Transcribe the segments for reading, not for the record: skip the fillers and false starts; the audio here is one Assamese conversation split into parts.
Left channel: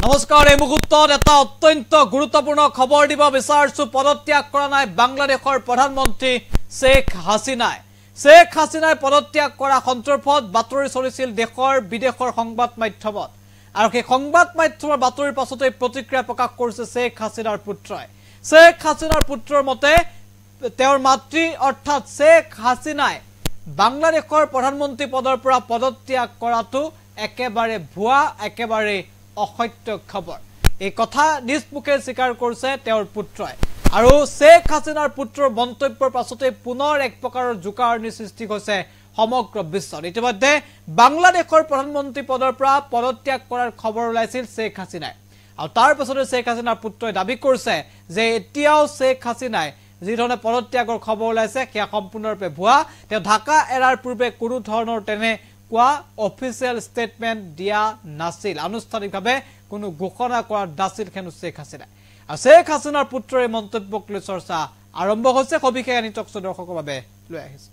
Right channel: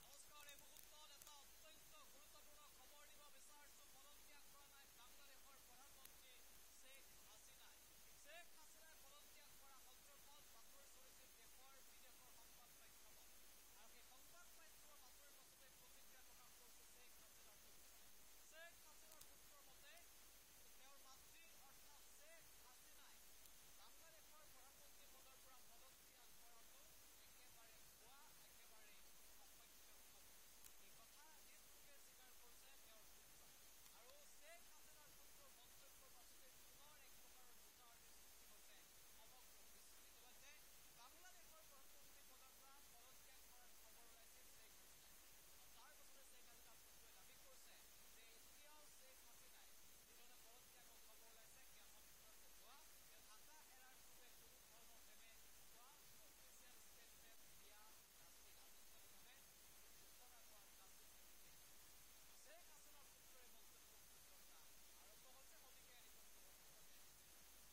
নমস্কাৰ এই মুহূৰ্তত এটা অত্যন্ত গুৰুত্বপূৰ্ণ খবৰ দিব বিচাৰিছো পদত্যাগ কৰা নাই বাংলাদেশৰ প্ৰধানমন্ত্ৰী শেখ হাসিনাই পদত্যাগ কৰা সন্দৰ্ভত বাতৰি চলিছিল দেশৰ বিদেশৰ সংবাদ মাধ্যমত আৰু সেই সংবাদ মাধ্যমৰ বাতৰিৰ পাছতে প্ৰতিক্ৰিয়া প্ৰকাশ কৰিছে শেখ হাসিনাৰ পুত্ৰৰ মতে তেওঁৰ মাতৃ অৰ্থাৎ শেখ হাসিনাই বাংলাদেশৰ প্ৰধানমন্ত্ৰী পদৰ পৰা পদত্যাগ কৰাটো একেবাৰে ভুৱা একেবাৰে অসত্য খবৰ এই কথা নিজ মুখে স্বীকাৰ কৰিছে তেওঁৰ পুত্ৰই আৰু শেখ হাসিনাৰ পুত্ৰৰ মন্তব্যৰ পাছতে পুনৰ এক প্ৰকাৰৰ জোকাৰণি সৃষ্টি হৈছে সমগ্ৰ বিশ্বত ইতিমধ্যে বাংলাদেশৰ প্ৰধানমন্ত্ৰী পদৰ পৰা পদত্যাগ কৰাৰ খবৰ ওলাইছিল শেখ হাসিনাই আৰু তাৰ পাছতে শেখ হাসিনাৰ পুত্ৰই দাবী কৰিছে যে এতিয়াও শেখ হাসিনাই যি ধৰণে পদত্যাগৰ খবৰ ওলাইছে সেয়া সম্পূৰ্ণৰূপে ভুৱা তেওঁ ঢাকা এৰাৰ পূৰ্বে কোনো ধৰণৰ তেনে অফিচিয়েল স্টেটমেন্ট দিয়া নাছিল আনুষ্ঠানিকভাৱে কোনো ঘোষণা কৰা নাছিল হেনো শেখ হাসিনাৰ পুত্ৰৰ মন্তব্যক লৈ চৰ্চা আৰম্ভ হৈছে সবিশেষ আনি টক দৰ্শকৰ বাবে লৈ আহিছে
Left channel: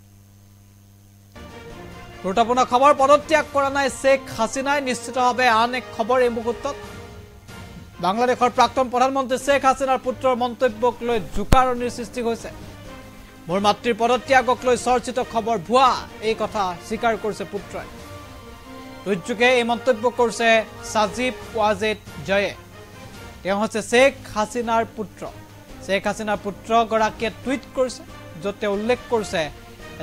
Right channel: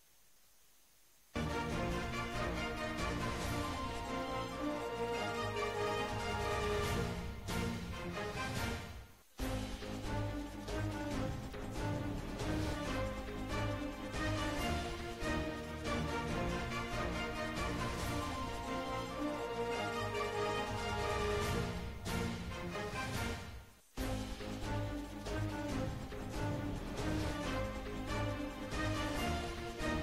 গুৰুত্বপূৰ্ণ খবৰ পদত্যাগ কৰা নাই শেখ হাসিনাই নিশ্চিতভাৱে আন এক খবৰ এই মুহূৰ্তত বাংলাদেশৰ প্ৰাক্তন প্ৰধানমন্ত্ৰী শেখ হাসিনাৰ পুত্ৰৰ মন্তব্যক লৈ জোকাৰণিৰ সৃষ্টি হৈছে মোৰ মাতৃৰ পদত্যাগক লৈ চৰ্চিত খবৰ ভুৱা এই কথা স্বীকাৰ কৰিছে পুত্ৰই দুৰ্যোগে এই মন্তব্য কৰিছে সাজিব ওয়াজিদ জয়ে তেওঁ হৈছে শেখ হাসিনাৰ পুত্ৰ গৰাকীয়ে টুইট কৰিছে য'ত তেওঁ উল্লেখ কৰিছে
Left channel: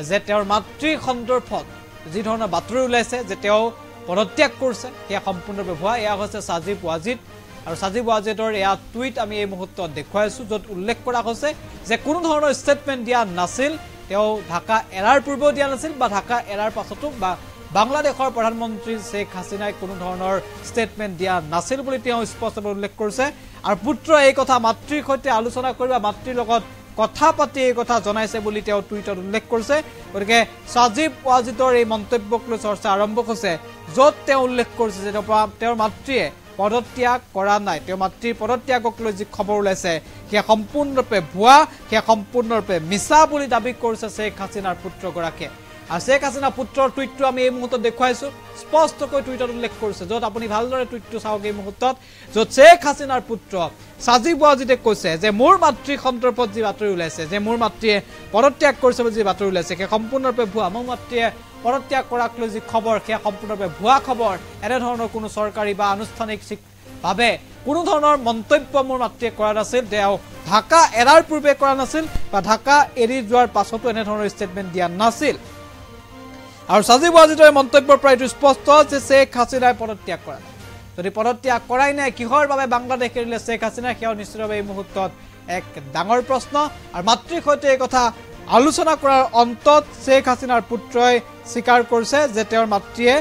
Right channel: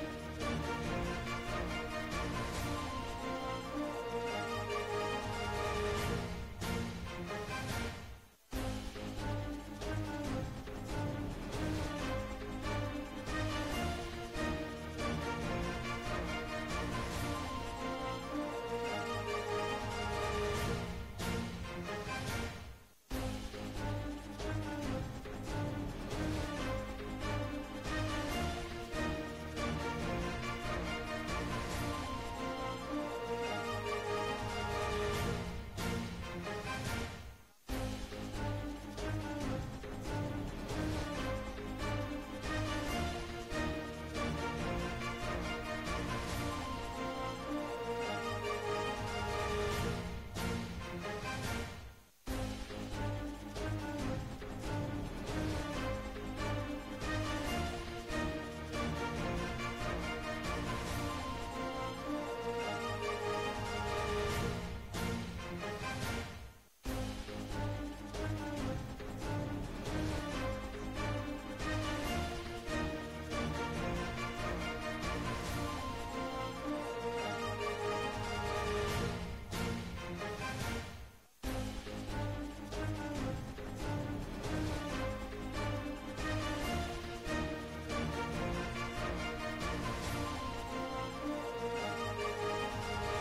যে তেওঁৰ মাতৃৰ সন্দৰ্ভত যি ধৰণৰ বাতৰি ওলাইছে যে তেওঁ পদত্যাগ কৰিছে সেয়া সম্পূৰ্ণৰূপে ভুৱা এয়া হৈছে সাজিব ওয়াজিদ আৰু সাজিব ওয়াজিদৰ এয়া টুইট আমি এই মুহূৰ্তত দেখুৱাইছো য'ত উল্লেখ কৰা হৈছে যে কোনো ধৰণৰ ষ্টেটমেন্ট দিয়া নাছিল তেওঁ ঢাকা এৰাৰ পূৰ্বেও দিয়া নাছিল বা ঢাকা এৰাৰ পাছতো বা বাংলাদেশৰ প্ৰধানমন্ত্ৰী শেখ হাসিনাই কোনো ধৰণৰ ষ্টেটমেন্ট দিয়া নাছিল বুলি তেওঁ স্পষ্টভাৱে উল্লেখ কৰিছে আৰু পুত্ৰ এই কথা মাতৃৰ সৈতে আলোচনা কৰিব মাতৃৰ লগত কথা পাতি এই কথা জনাইছে বুলি তেওঁ টুইটত উল্লেখ কৰিছে গতিকে সাজিব ওয়াজিদৰ এই মন্তব্যক লৈ চৰ্চা আৰম্ভ হৈছে য'ত তেওঁ উল্লেখ কৰিছে যে তেওঁৰ মাতৃয়ে পদত্যাগ কৰা নাই তেওঁ মাতৃৰ পদত্যাগক লৈ যি খবৰ ওলাইছে সেয়া সম্পূৰ্ণৰূপে ভুৱা সেয়া সম্পূৰ্ণৰূপে মিছা বুলি দাবী কৰিছে শেখ হাসিনাৰ পুত্ৰগৰাকীয়ে আৰু শেখ হাসিনাৰ পুত্ৰৰ টুইটটো আমি এই মুহূৰ্তত দেখুৱাইছো স্পষ্টকৈ টুইটত উল্লেখ কৰিছে য'ত আপুনি ভালদৰে টুইটটো চাওক এই মুহূৰ্তত য'ত শেখ হাসিনাৰ পুত্ৰ সাজিব ওয়াজিদে কৈছে যে মোৰ মাতৃৰ সন্দৰ্ভত যি বাতৰি ওলাইছে যে মোৰ মাতৃয়ে পদত্যাগ কৰিছে বুলি যি বাতৰি ওলাইছে সেয়া সম্পূৰ্ণৰূপে ভুৱা মোৰ মাতৃয়ে পদত্যাগ কৰাক লৈ যি খবৰ সেয়া সম্পূৰ্ণৰূপে ভুৱা খবৰ এনেধৰণৰ কোনো চৰকাৰী বা আনুষ্ঠানিক ভাৱে কোনো ধৰণৰ মন্তব্য মোৰ মাতৃয়ে কৰা নাছিল তেওঁ ঢাকা এৰাৰ পূৰ্বে কৰা নাছিল বা ঢাকা এৰি যোৱাৰ পাছতো এনেধৰণৰ ষ্টেটমেন্ট দিয়া নাছিল আৰু সাজিব ওয়াজিদৰ মন্তব্যৰ পৰা এইটো স্পষ্ট যে শেখ হাসিনাই পদত্যাগ কৰা যদি পদত্যাগ কৰাই নাই কিহৰ বাবে বাংলাদেশ এৰিলে শেখ হাসিনা সেয়াও নিশ্চিতভাৱে এই মুহূৰ্তত এক ডাঙৰ প্ৰশ্ন আৰু মাতৃৰ সৈতে এই কথা আলোচনা কৰাৰ অন্তত শেখ হাসিনাৰ পুত্ৰই স্বীকাৰ কৰিছে যে তেওঁৰ মাতৃয়ে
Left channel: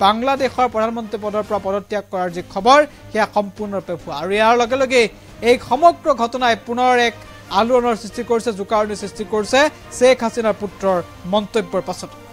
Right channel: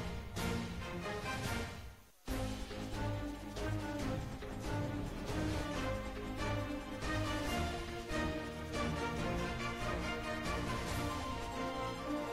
বাংলাদেশৰ প্ৰধানমন্ত্ৰী পদৰ পৰা পদত্যাগ কৰাৰ যি খবৰ সেয়া সম্পূৰ্ণৰূপে ভুৱা আৰু ইয়াৰ লগে লগে এই সমগ্ৰ ঘটনাই পুনৰ এক আলোড়নৰ সৃষ্টি কৰিছে জোকাৰণিৰ সৃষ্টি কৰিছে শেখ হাসিনাৰ পুত্ৰৰ মন্তব্যৰ পাছত